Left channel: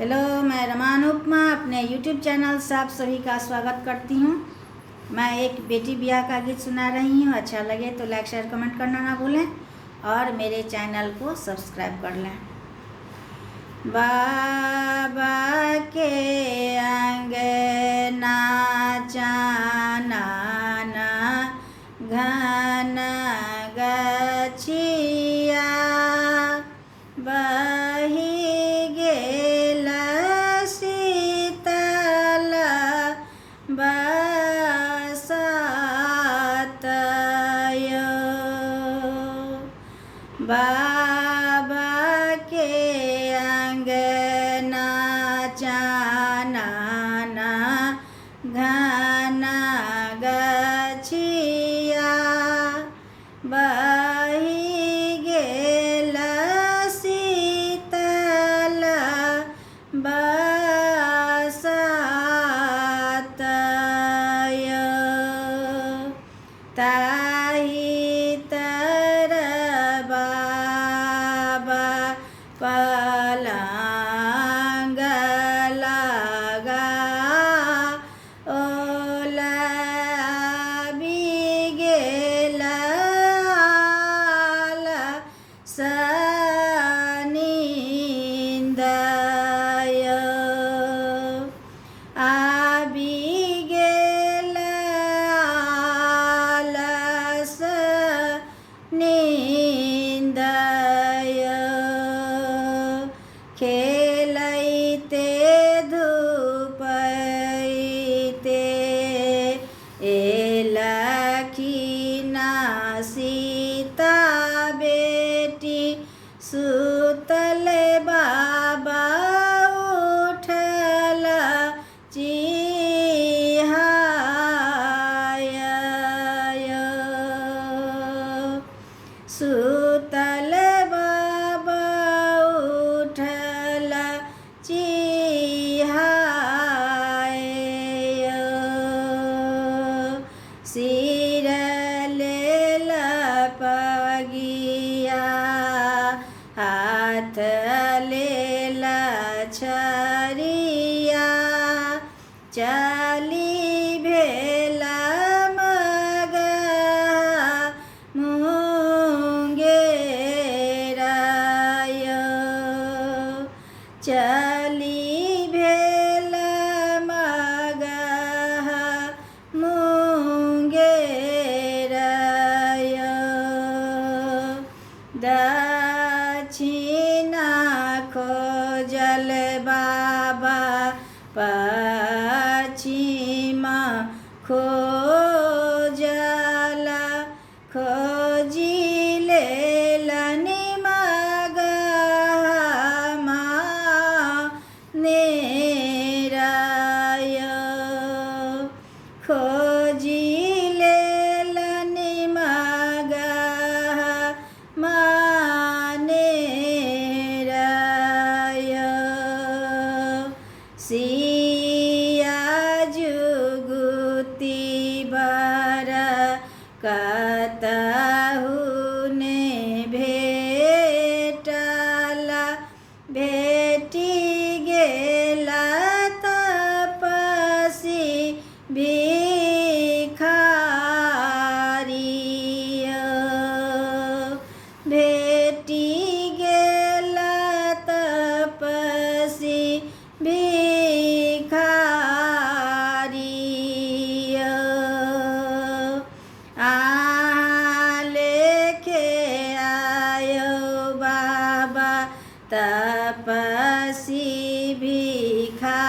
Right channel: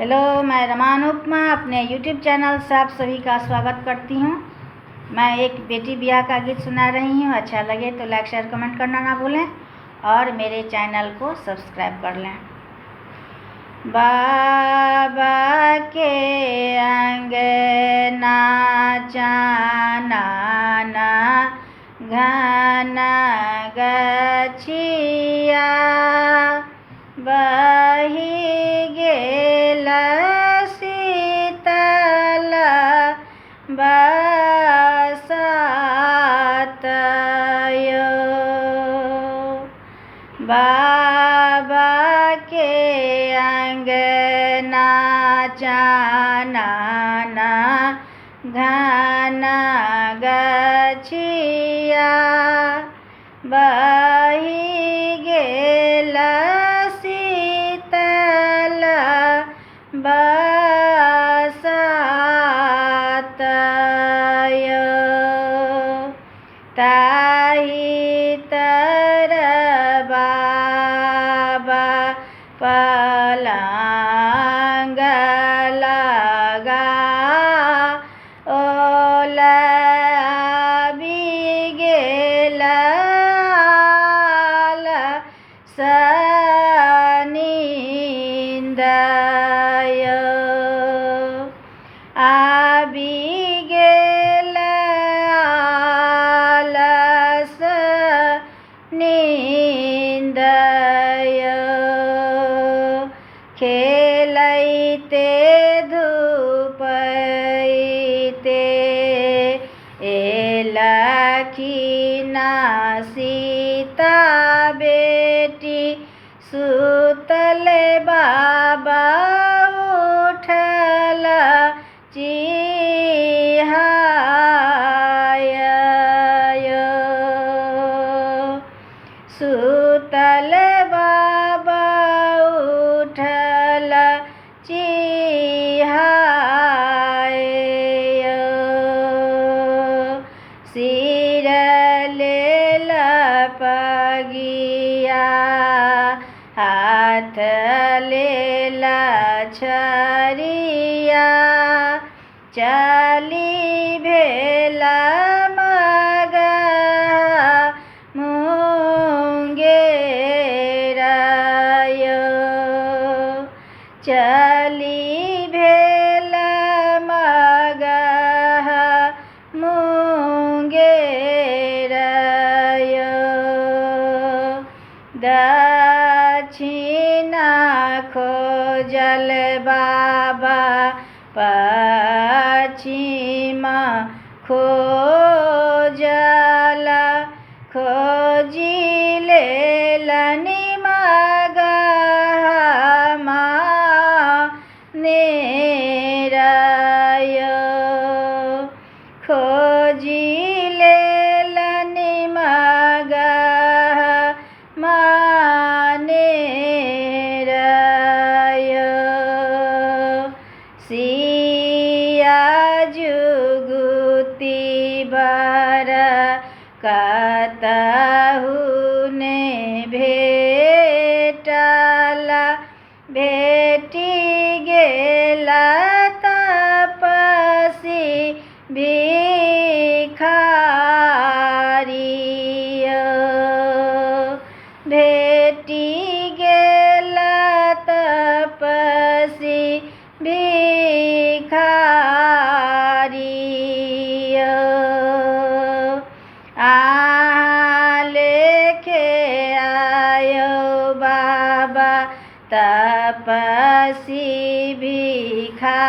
Hello, मैं रमान उपमा अपने यूट्यूब चैनल से आप सभी का स्वागत करती हूँ। मैं एक बेटी ब्याह का गीत सुना रही हूँ। अच्छा लगे तो लाइक शेयर कमेंट करना ना भूलें और मेरे चैनल को सब्सक्राइब कर लें। बाबा के अंगना चाना घन गछिया बही गेल शीतल बसत यो। बाबा के अंगना चाना घन गछिया बही गेल शीतल बसत यो। ताहि तर बाबा पलंग लगा ओलाबी गेल सनिंद यो। आबि गेल आलस नींद यो। खेलैते धूपैते एलखिन सीता बेटी सुतल बाबा उठल चिहाय यो। सुतल बाबा उठल चिहाय यो। सिर लेल पगिया हाथ लेल छरिया चली भेल मगह मुंगेर यो। चली भेल मगह मुंगेर यो। दक्षिण खोजल बाबा पश्चिम खोजल खोजी लेलनि मगह मानेर यो। खोजी लेलनि मगह मानेर यो। सिया जुगुती बर कतहु ने भेटल भेटि गेल तपसी भिखारी यो। भेटि गेल तपसी भिखारी यो। अहाँ लेखे आयो बाबा तपसी भिखारी